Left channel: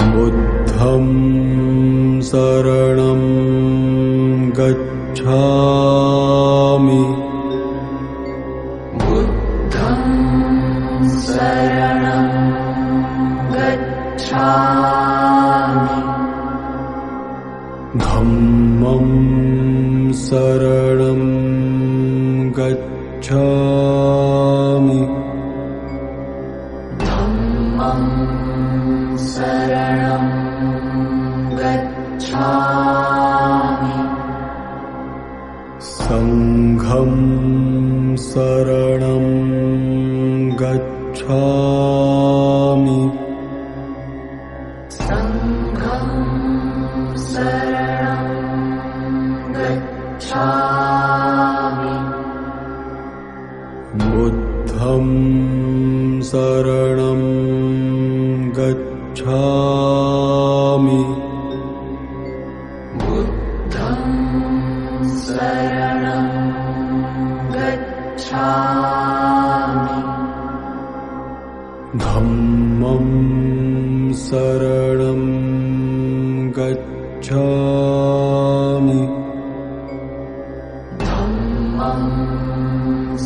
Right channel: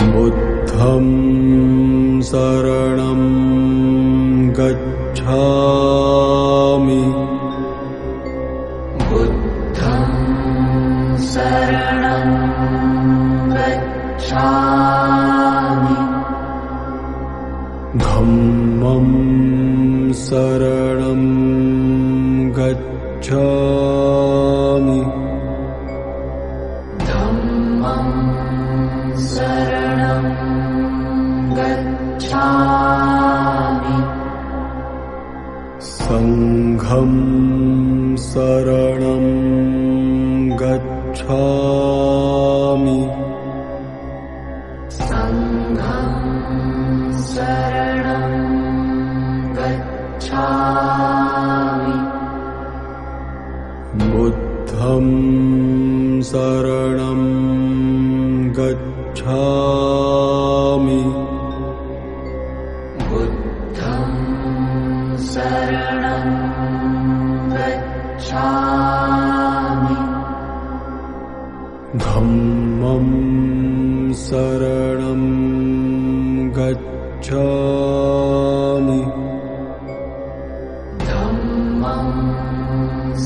बुद्धं शरणं गच्छामि। बुद्धं शरणं गच्छामि। धम्मं शरणं गच्छामि। धम्मं शरणं गच्छामि। संघं शरणं गच्छामि। संघं शरणं गच्छामि। बुद्धं शरणं गच्छामि। बुद्धं शरणं गच्छामि। धम्मं शरणं गच्छामि। धम्मं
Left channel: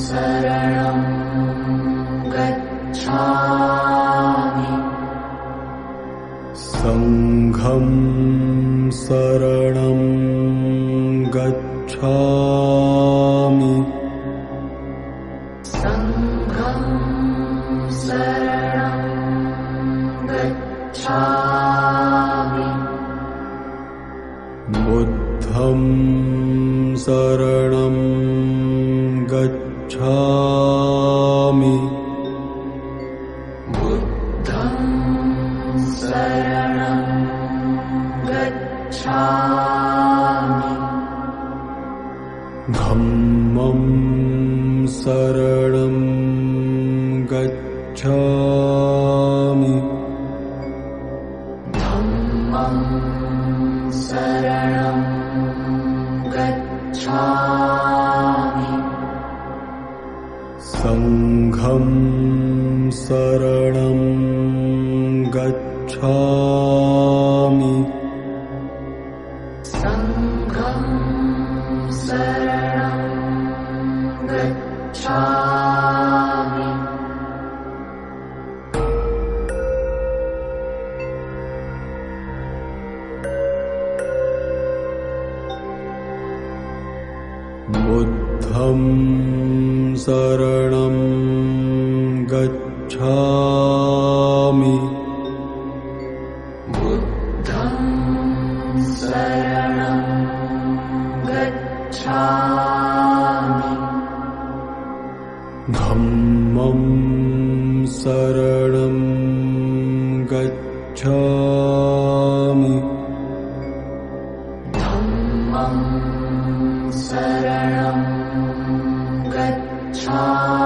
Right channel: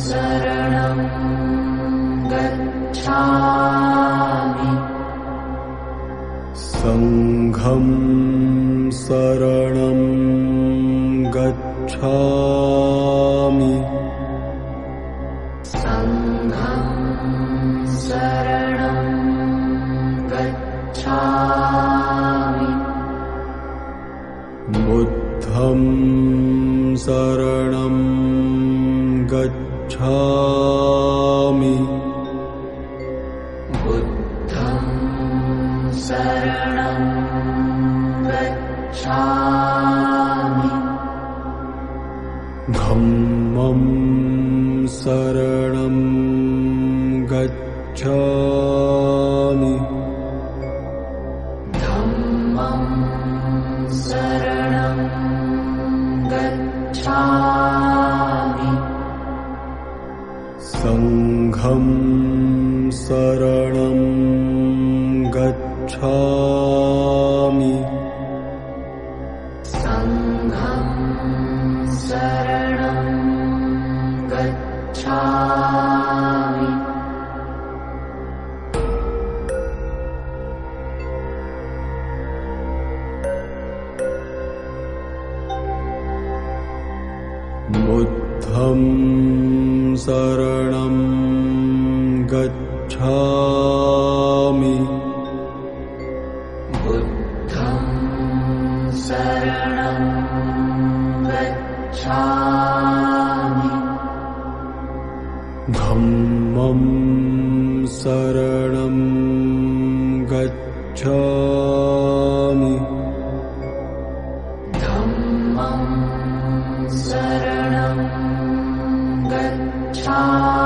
शरणं गच्छामि। संघं शरणं गच्छामि। संघं शरणं गच्छामि। बुद्धं शरणं गच्छामि। बुद्धं शरणं गच्छामि। धम्मं शरणं गच्छामि। धम्मं शरणं गच्छामि। बुद्धं शरणं गच्छामि। धम्मं शरणं गच्छामि। धम्मं शरणं गच्छामि। धम्मं शरणं गच्छामि। संघं शरणं गच्छामि। संघं शरणं गच्छामि। बुद्धं शरणं गच्छामि। बुद्धं शरणं गच्छामि। धम्मं शरणं गच्छामि। धम्मं शरणं गच्छामि।